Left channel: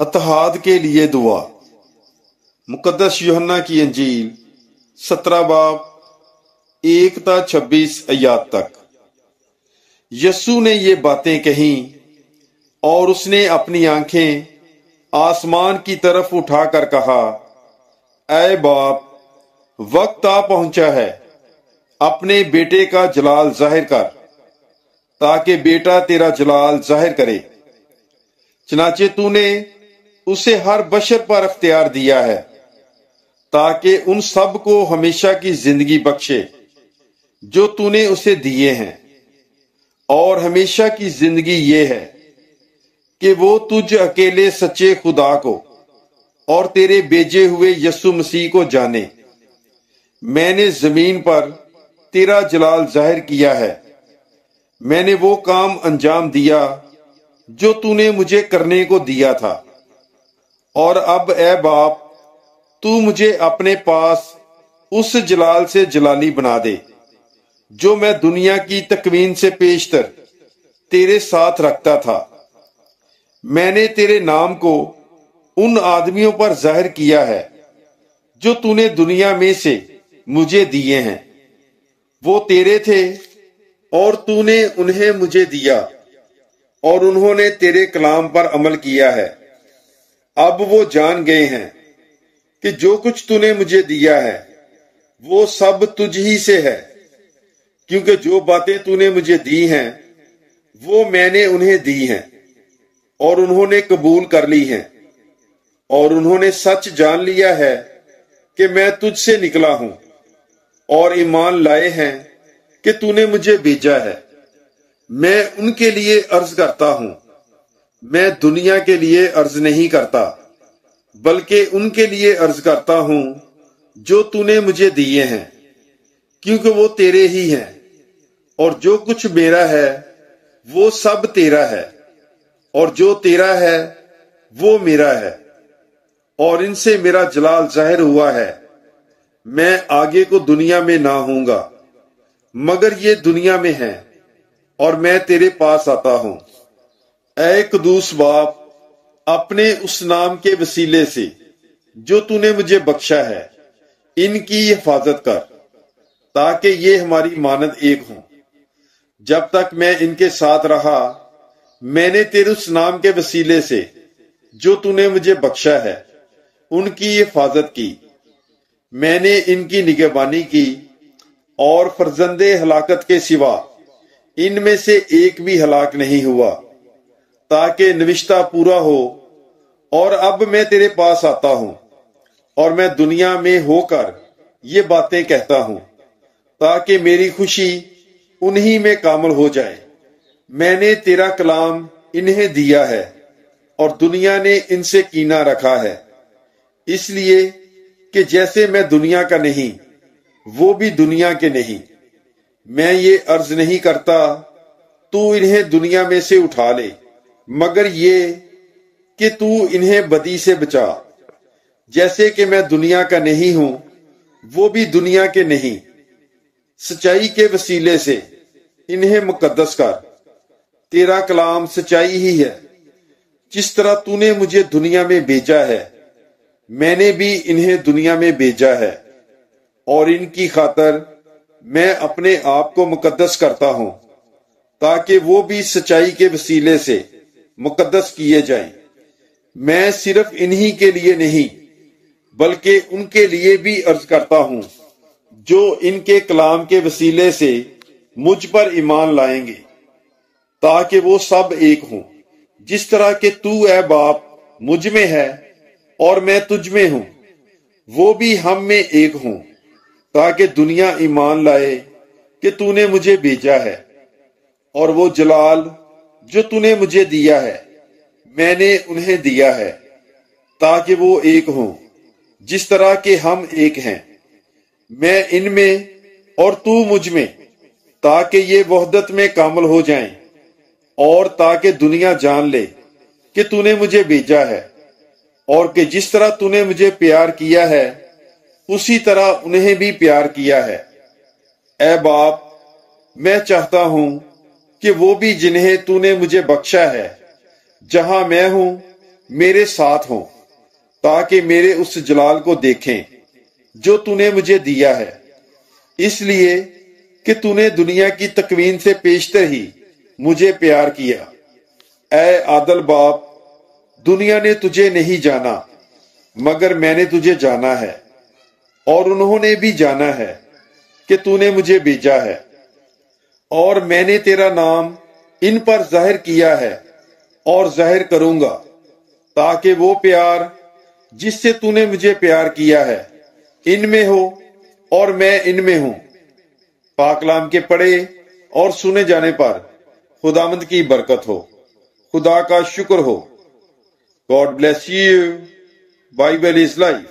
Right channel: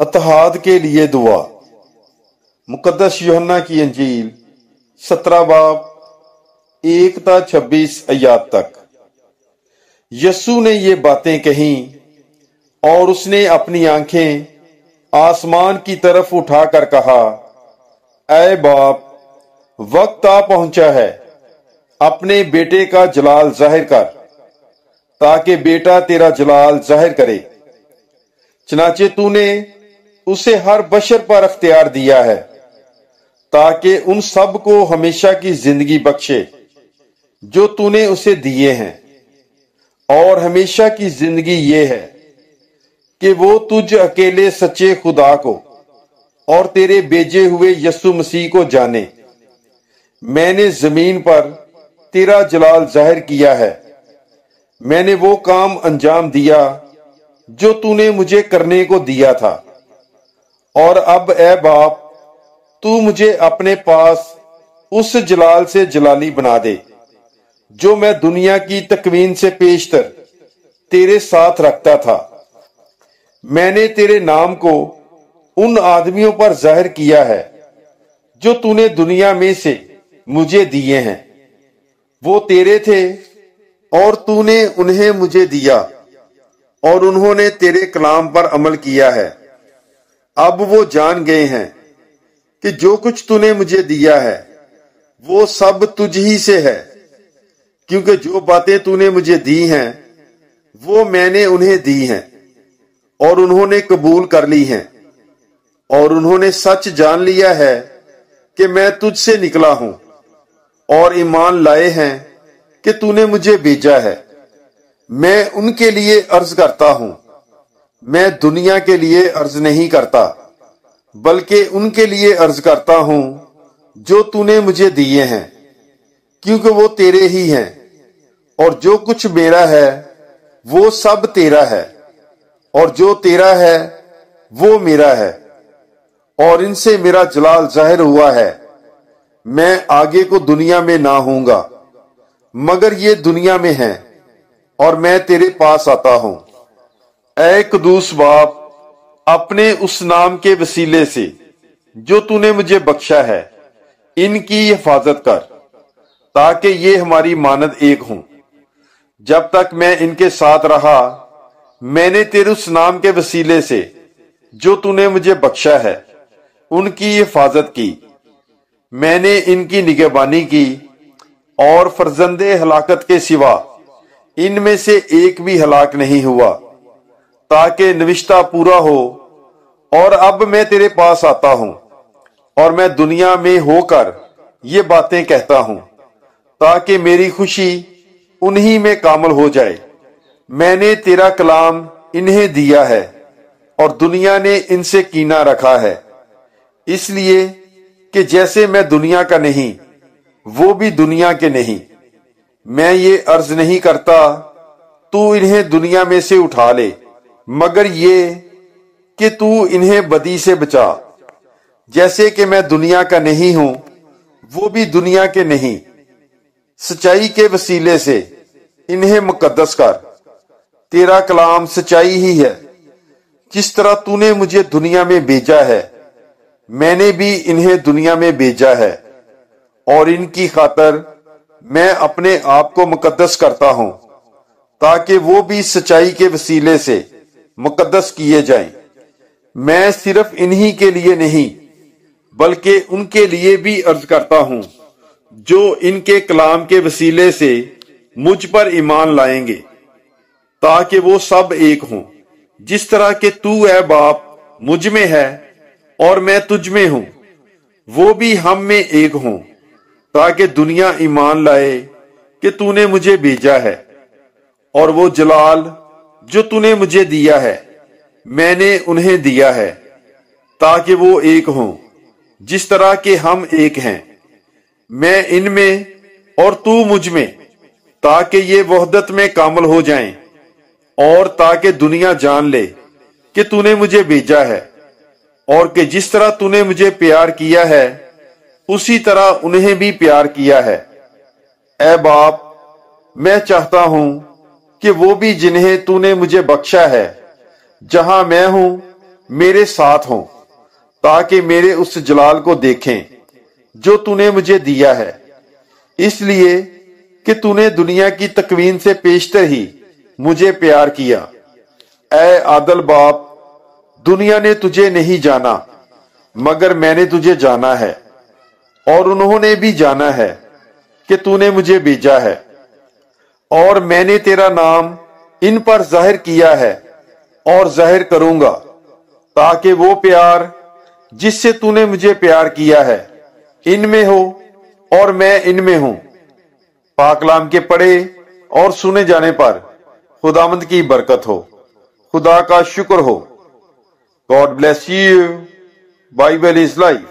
इत्तेहाद के लिए दुआ। मुकद्दस यूहन्ना की अंजील 17 बाब 1 ता 26 आयत तक। यस्सु ने ये बातें कही और उसने अपनी आंखें आसमान की तरफ उठाकर कहा, ऐ बाप, वक्त आ पहुंचा है, अपने बेटे का जलाल जाहिर कर, ताकि बेटा तेरा जलाल जाहिर करे। चनाचे तूने उसे हर बशर पर अख्तियार दिया है, ताकि उन सब को हमेशा की जिंदगी बख्शे जो तूने उसे दिए हैं। और हमेशा की जिंदगी ये है कि वो तुझ अकेले सच्चे खुदा को और तेरे भेजे हुए यस्सु मसीह को जाने। मैंने जमीन पर तेरा जलाल जाहिर किया है। मैंने वो काम अंजाम दिया जो तूने मुझे करने को दिया था। और अब ऐ बाप, तू मुझे अपने पास उस जलाल से जलाली बना दे जो मैं दुनिया की तकवीन से पेशतर तेरे साथ रखता था। मैंने तेरे नाम को उन आदमियों पर जाहिर किया है जो तूने दुनिया में से मुझे दिए हैं। वो तेरे थे और तूने उन्हें मुझे दिया और उन्होंने तेरे कलाम पर अमल किया है। अब वो जान गए हैं कि जो कुछ तूने मुझे दिया है वो सब तुझ ही से है, क्योंकि जो बातें तूने मुझे दी हैं वो मैंने उन्हें दी हैं और उन्होंने कबूल कर ली हैं। और उन्होंने सच जान लिया है कि मैं तुझसे निकला हूं और ईमान लाए हैं कि तूने मुझे भेजा है। मैं उनके लिए अर्ज करता हूं, मैं दुनिया के लिए अर्ज नहीं करता, बल्कि उनके लिए अर्ज करता हूं जो तूने मुझे दिए हैं, क्योंकि वो तेरे ही हैं और जो कुछ मेरा है वो सब तेरा है और जो तेरा है वो मेरा है और इनसे मेरा जलाल जाहिर हुआ है। मैं आगे को दुनिया में ना हूंगा, मगर ये दुनिया में है और मैं तेरे पास आता हूं। ऐ कदूस बाप, अपने उस नाम के वसीले से जो तूने मुझे बख्शा है, इनकी हिफाजत कर, ताकि ये हमारी मानद एक हों। जब तक मैं इनके साथ रहा, मैंने तेरे उस नाम के वसीले से जो तूने मुझे बख्शा है उनकी हिफाजत की। मैंने इनकी निगहबानी की और फर्जंदे हलाकत के सिवा इनमें से एक भी हलाक नहीं हुआ, ताकि नविश्ता पूरा हो। और अब मैं तेरे पास आता हूं और मैं दुनिया में होकर ये बातें कहता हूं, ताकि मेरी खुशी उन्हीं में कामल हो जाए। मैंने तेरा कलाम इन्हें दिया है और दुनिया ने इनसे कीना रखा है, इसलिए कि जैसे मैं दुनिया का नहीं, वो भी दुनिया के नहीं। मैं ये अर्ज नहीं करता तू इन्हें दुनिया में से उठा ले, मगर ये कि तू इन्हें बदी से बचा। जैसे कि मैं दुनिया का नहीं हूं, वो भी दुनिया के नहीं। सच्चाई के वसीले से इन्हें मुकद्दस कर। तेरा कलाम सच्चाई ही है। जिस तरह तूने मुझे दुनिया में भेजा है, मैंने भी इन्हें दुनिया में भेजा है, और इनकी खातर मैं अपने आप को मुकद्दस करता हूं, ताकि वो भी सच्चाई के वसीले से मुकद्दस किए जाएं। मैं सिर्फ इन्हीं के लिए नहीं, बल्कि उनके लिए भी अर्ज करता हूं जो इनके कलाम के वसीले से मुझ पर ईमान लाएंगे, ताकि वो सब एक हों, जिस तरह के तू है बाप मुझ में है और मैं तुझ में हूं, वो भी हम में एक हों, ताकि दुनिया ईमान लाए कि तूने मुझे भेजा है। और वो जलाल जो तूने मुझे दिया है, मैंने उन्हें दिया है, ताकि वो एक हों, जिस तरह के हम एक हैं, मैं इनमें और तू मुझ में, ताकि ये वहदत में कामल हो जाएं, और ताकि दुनिया जान ले कि तूने मुझे भेजा है, और कि जिस तरह तूने मुझे प्यार किया है उसी तरह उन्हें भी प्यार किया है। ऐ बाप, मैं चाहता हूं कि वो भी जिन्हें तूने मुझे बख्शा है, जहां मैं हूं میرے ساتھ ہوں تاکہ میرے اس جلال کو دیکھیں جو تو نے مجھے دیا ہے، اس لیے کہ تو نے دنیا کی تکوین سے پیشتر ہی مجھے پیار کیا۔ اے عادل باپ، دنیا نے تجھے نہیں جانا مگر میں نے تجھے جانا ہے، اور انہوں نے بھی جانا ہے کہ تو نے مجھے بھیجا ہے، اور میں نے تیرا نام ان پر ظاہر کیا ہے اور ظاہر کروں گا، تاکہ وہ پیار جس سے تو نے مجھے پیار کیا ہے ان میں ہو اور میں ان میں ہوں۔ پاک کلام کے پڑھے اور سنے جانے پر خداوند کی برکت ہو، خدا کا شکر ہو۔ God bless you. Bible is life.